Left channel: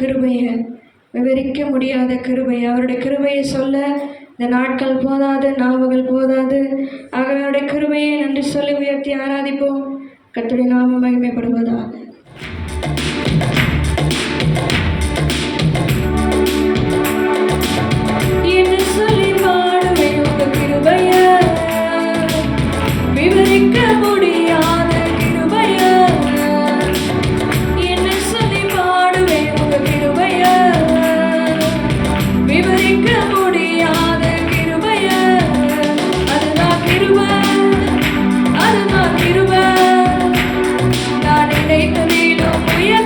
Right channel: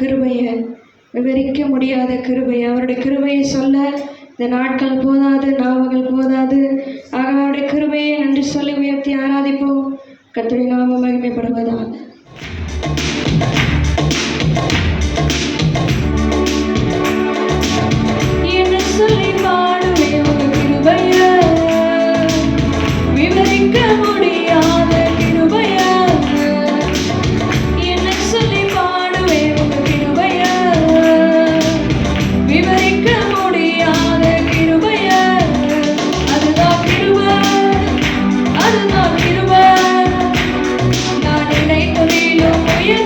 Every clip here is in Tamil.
கிருபையை, விவரிக்க முடியாத கிருபையை, அவருடைய கிருபையை சொல்ல இந்த நாட்கள் போதாது, நாவுகள் போதாது. அவருடைய கிருபையை நன்றி சொல்லி உயர்த்தி ஆராதிப்போம். கர்த்தருடைய நாமம் மகிமைப்படுவதாக. என்ன சொல்லி பாடுவேன் உங்க கிருபையை, விவரிக்க முடியாத கிருபையை. என்ன சொல்லி பாடுவேன் உங்க கிருபையை, விவரிக்க முடியாத கிருபையை. அதுதான் கிருபை, அதுதான் கிருபை. நான் நினைத்ததிலும் உயர்ந்த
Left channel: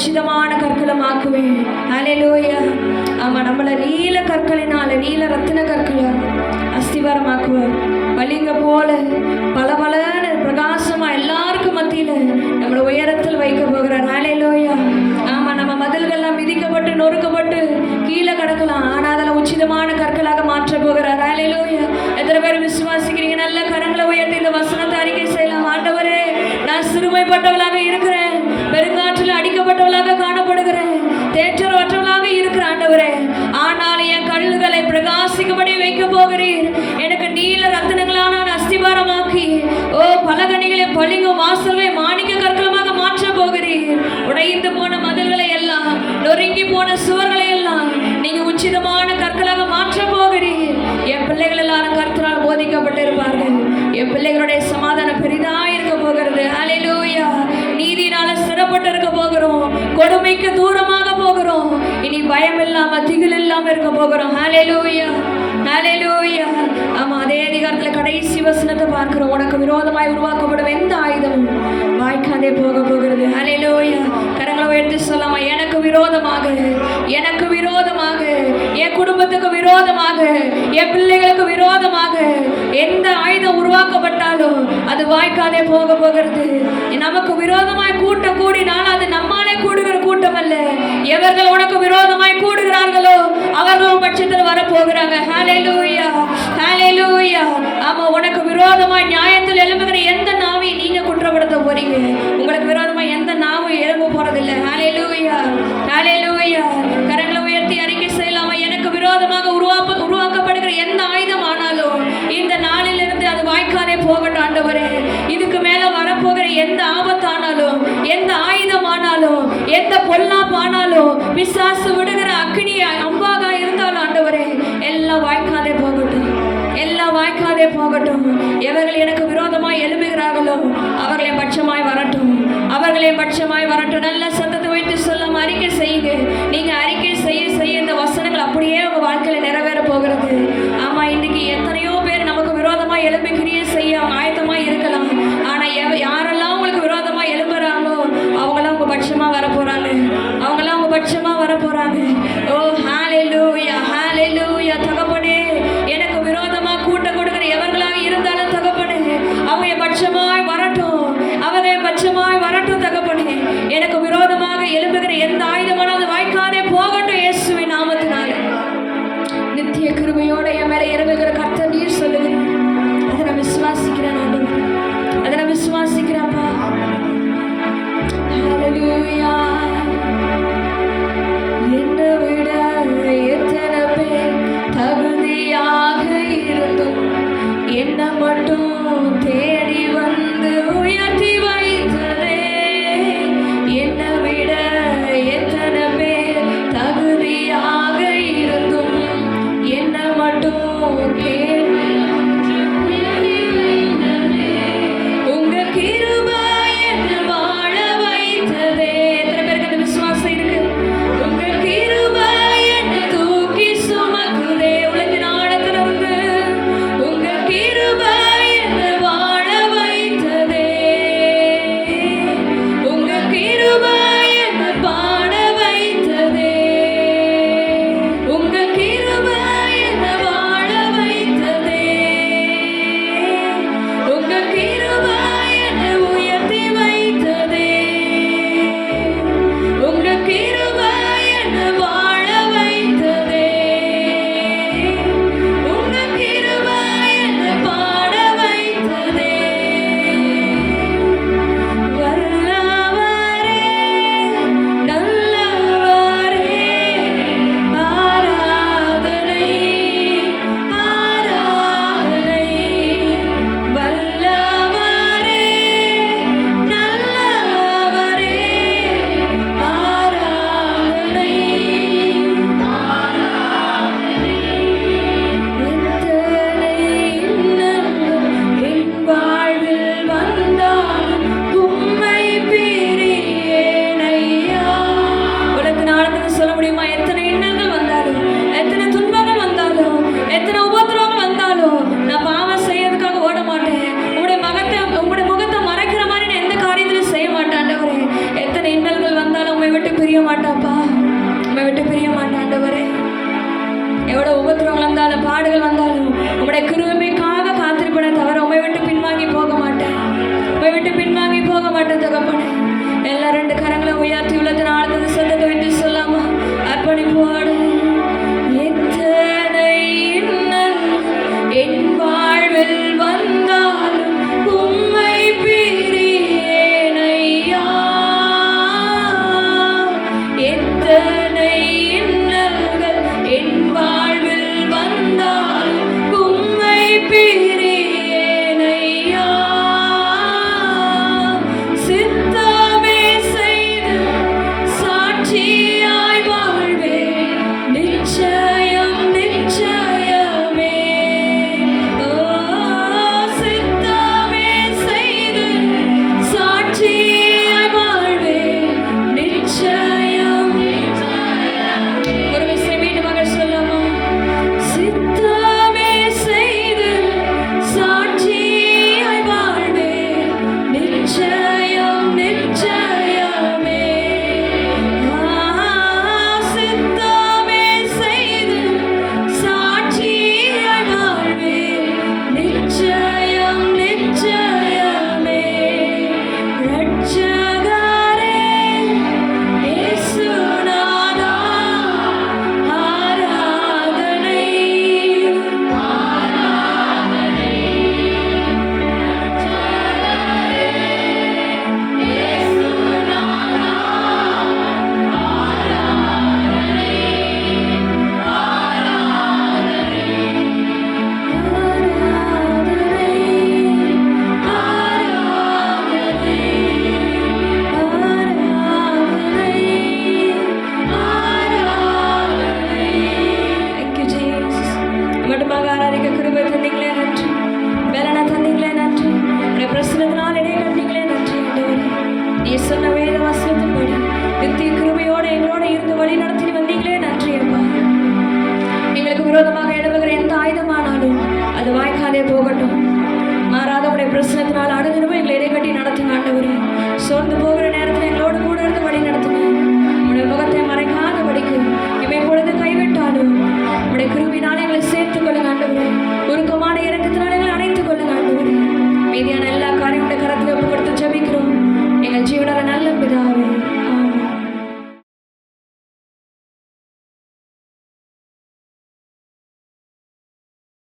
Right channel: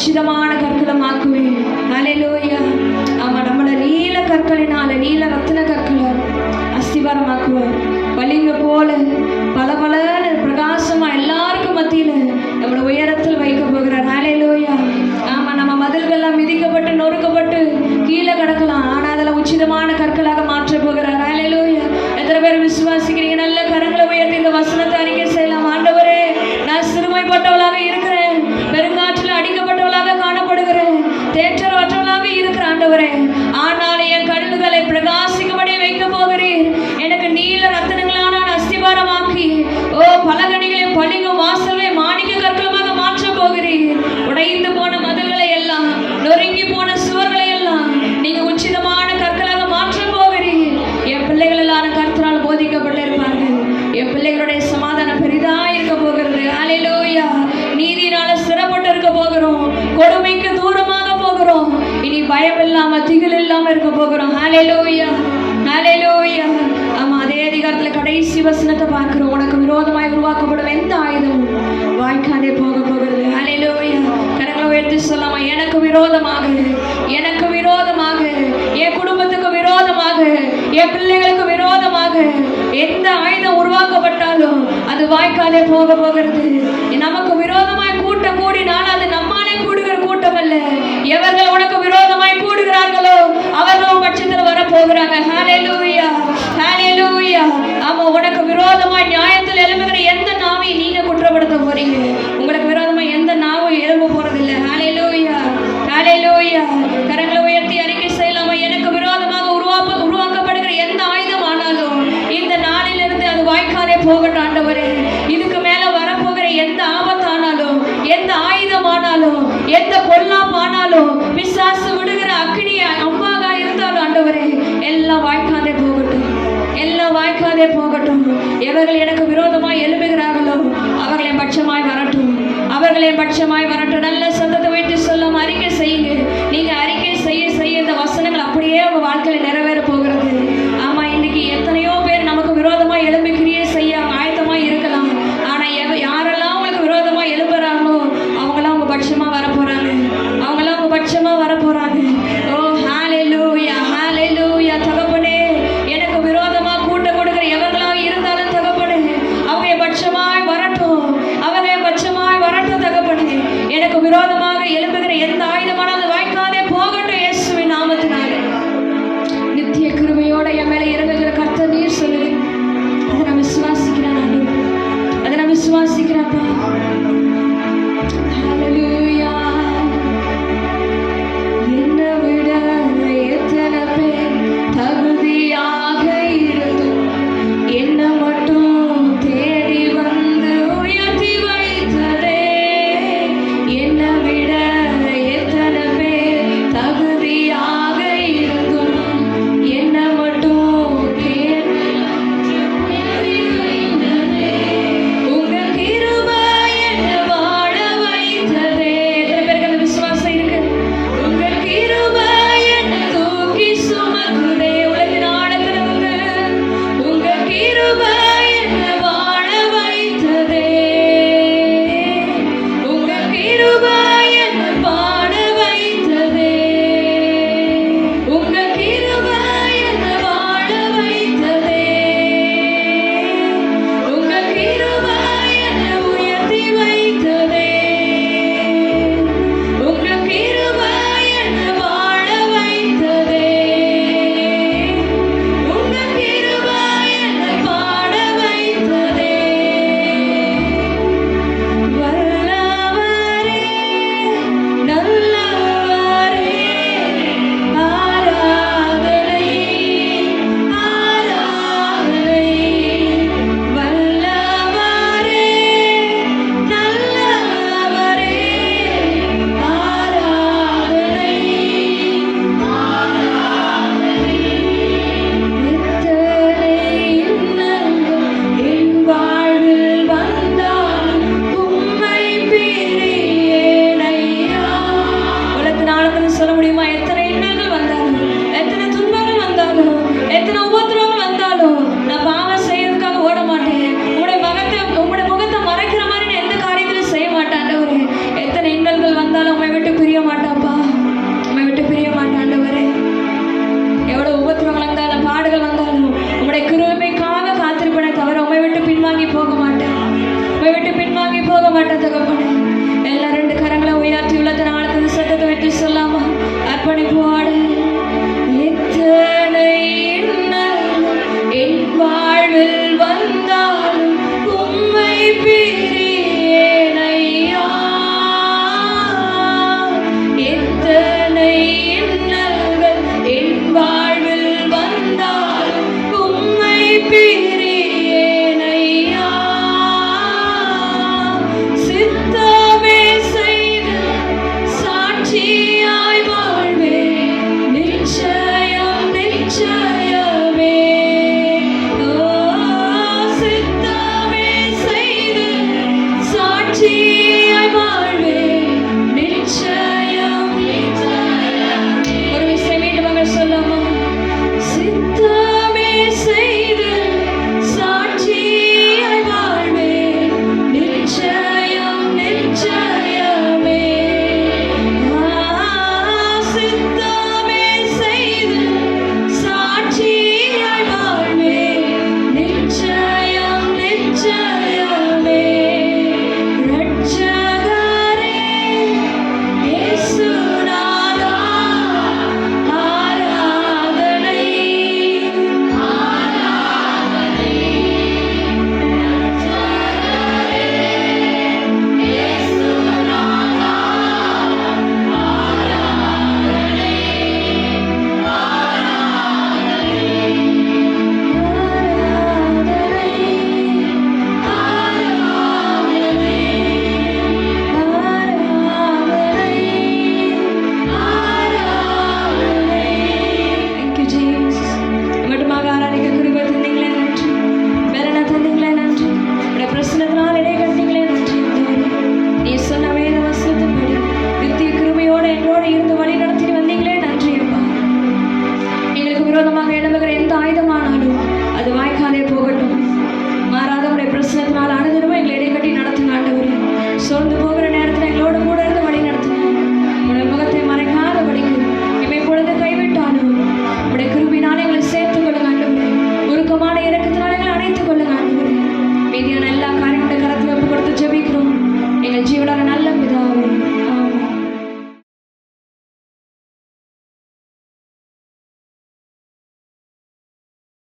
உச்சிதமான கற்களமாக்குவேன். ஹல்லேலூயா. ஆமா, நம்மளை நீல கற்களினால, நீல ரத்தின கற்களால் அஸ்திவாரமாக்குவார். வலிங்க போல பலபலன்னு பிரகாசமா எல்லாருக்கும் மத்தியில நம்மளை உயரத்தில் வைக்க போகிறார். ஹல்லேலூயா. ஆமா, நம்ம மதில்கள்லாம் மிதிக்கப்பட்டு நொறுக்கப்பட்டு கீழே கிடக்கலாம், ஆனா அதில் உச்சிதமான கற்களாக மாற்ற போகிறார். ஹல்லேலூயா. எத்தனை பேர் விசுவாசிக்கிறீங்க? நல்ல கரங்களை உயர்த்தி இந்த வசனத்தை அறிக்கை செய்யலாம். ஆண்டவரே, நான் சிறுமைப்பட்டவளாக இருக்கிறேன், பெருங்காற்றில் அடிக்கப்பட்டவளாக காணப்படுகிறேன், தேற்றரற்றவளாக இருக்கிற ஆண்டவரே, ஆனால் என் கல்லுகளை பிரகாசிக்கும்படி வைக்க போகிறீர். எனக்கு நீல ரத்தினங்களான நான் அஸ்திவாரமாக்கி, ஓ பலகணிகளின் பளிங்கும் வாசல்களை மாணிக்க கற்களுமாக மாற்ற போகிறீர். உடைந்து போன மதில்களை எல்லாம், நொறுங்கி போன சுவர்களை எல்லாம் நீங்க உச்சிதமான கற்களாக மாற்ற போகிறீர். என் பிள்ளைகள் எல்லாரும் கர்த்தரால் போதிக்கப்பட்டிருப்பார்கள். என் பிள்ளைகளுடைய சமாதானம் பெரிதா இருக்க போகிறது. ஹல்லேலூயா. நீதியினால சிறப்பட்டு இருக்க போகிறோம், கொடுமைக்கு தூரமாக போகிறோம், இனி பயம் இல்லாம திகில் இல்லாம இருக்க போகிறோம். ஹல்லேலூயா. ஹல்லேலூயா. ஆமா, அதே அதிகாரத்துல கடைசி வசனத்தை பார்க்கிறோம். உனக்கு விரோதமாய் உருவாக்கப்படும் எந்த ஆயுதமும் வாய்க்காதே போக போகிறது. ஹல்லேலூயா. கரங்களை உயர்த்தி சொல்லாம, எனக்கு விரோதமாக, எனக்கு விரோதமாக, என் குடும்பத்துக்கு விரோதமாக, என் பிள்ளைகளுக்கு விரோதமாக எந்த ஆயுதம் உருவாக்கப்பட்டாலும் அது வாய்க்காதே போக போகிறது. நமக்கு விரோதமாய் கூட்டம் கூடினால் அது நம்மாலே கூடுகிற கூட்டம் அல்ல. எவர்கள் உனக்கு விரோதமாய் கூடுகிறார்களோ அவர்கள் பட்சத்தில் வரப்போகிறாங்க. ஹல்லேலூயா. ஹல்லேலூயா. ஆமா, உனக்கு விரோதமாய் நியாயத்தில் எழும்புகிற எந்த நாவை நீங்க குற்றப்படுத்த போறீங்க? உங்களுக்கு விரோதமாய் எந்த நாவும் எழும்ப போறதில்லை. ஹல்லேலூயா. ஹல்லேலூயா. கரங்களை உயர்த்தி அறிக்கை செய்யலாமா? எனக்கு விரோதமாக உருவாக்கப்படுகிற எந்த ஆயுதம் ஆனாலும் இந்த நாளிலிருந்து அது வாய்க்காதே போகட்டும் ஆண்டவரே. இதுக்கு மேல வரப்போகிற எந்த ஆபத்தானாலும், எந்த ஆயுதமானாலும், எந்த பொல்லாப்பானாலும், பிசாசு விடுகிற அக்கினிய அம்பாக இருந்தாலும் ஆண்டவரே, எல்லாம் வாய்க்காதே போகட்டும், எல்லாம் வாய்க்காதே போகட்டும். எவர்கள் எனக்கு விரோதமாய் எழுப்புகிறார்களோ அவர்களை பட்சமாய் வரட்டும், அவர்களை பட்சமாய் வரட்டும். நல்ல சத்தத்தை வைத்து சொல்லாம அறிக்கை செய்யுங்க. நீங்க அறிக்கை செய்ய செய்ய இந்த வசனங்கள் அப்படியே உங்க வாழ்க்கையில நிறைவேற போகிறது. ஆமா, இன்னைக்கு எத்தனையோ பேர் நமக்கு விரோதமா எழும்பி கிரியை செய்ய ஆயத்தமா இருக்கலாம். ஆனா யாரெல்லாம் உங்களுக்கு விரோதமா எழுப்புறாங்களோ அவங்களாம் உங்க பட்சமா வர போறாங்க, அவங்களாம் உங்க பட்சமா வர போறாங்க. ஓ ஹல்லேலூயா. ஹல்லேலூயா. தகப்பனே, எனக்கு விரோதமா கூட்டம் கொடுக்கிற எவர்களாக இருந்தாலும் தகப்பனே, அவங்க பட்சமாய் வரட்டும், அவங்க பட்சமாய் வரட்டும் தகப்பனே. எனக்கு விரோதமாக எழுப்புகிற எந்த ஆயுதமான அது வாய்க்காதே போகட்டும் இயேசுவின் நாமத்தினால. நித்திய கிருபையோட என் மேல இறங்குகிற கர்த்தர் நீர் சொல்லுகிறேன். அதை நான் விசுவாசிக்கிறேன் ஆண்டவரே, அதை நான் விசுவாசிக்கிறேன்ப்பா. ஹல்லேலூயா. எங்கள் ஜீவனான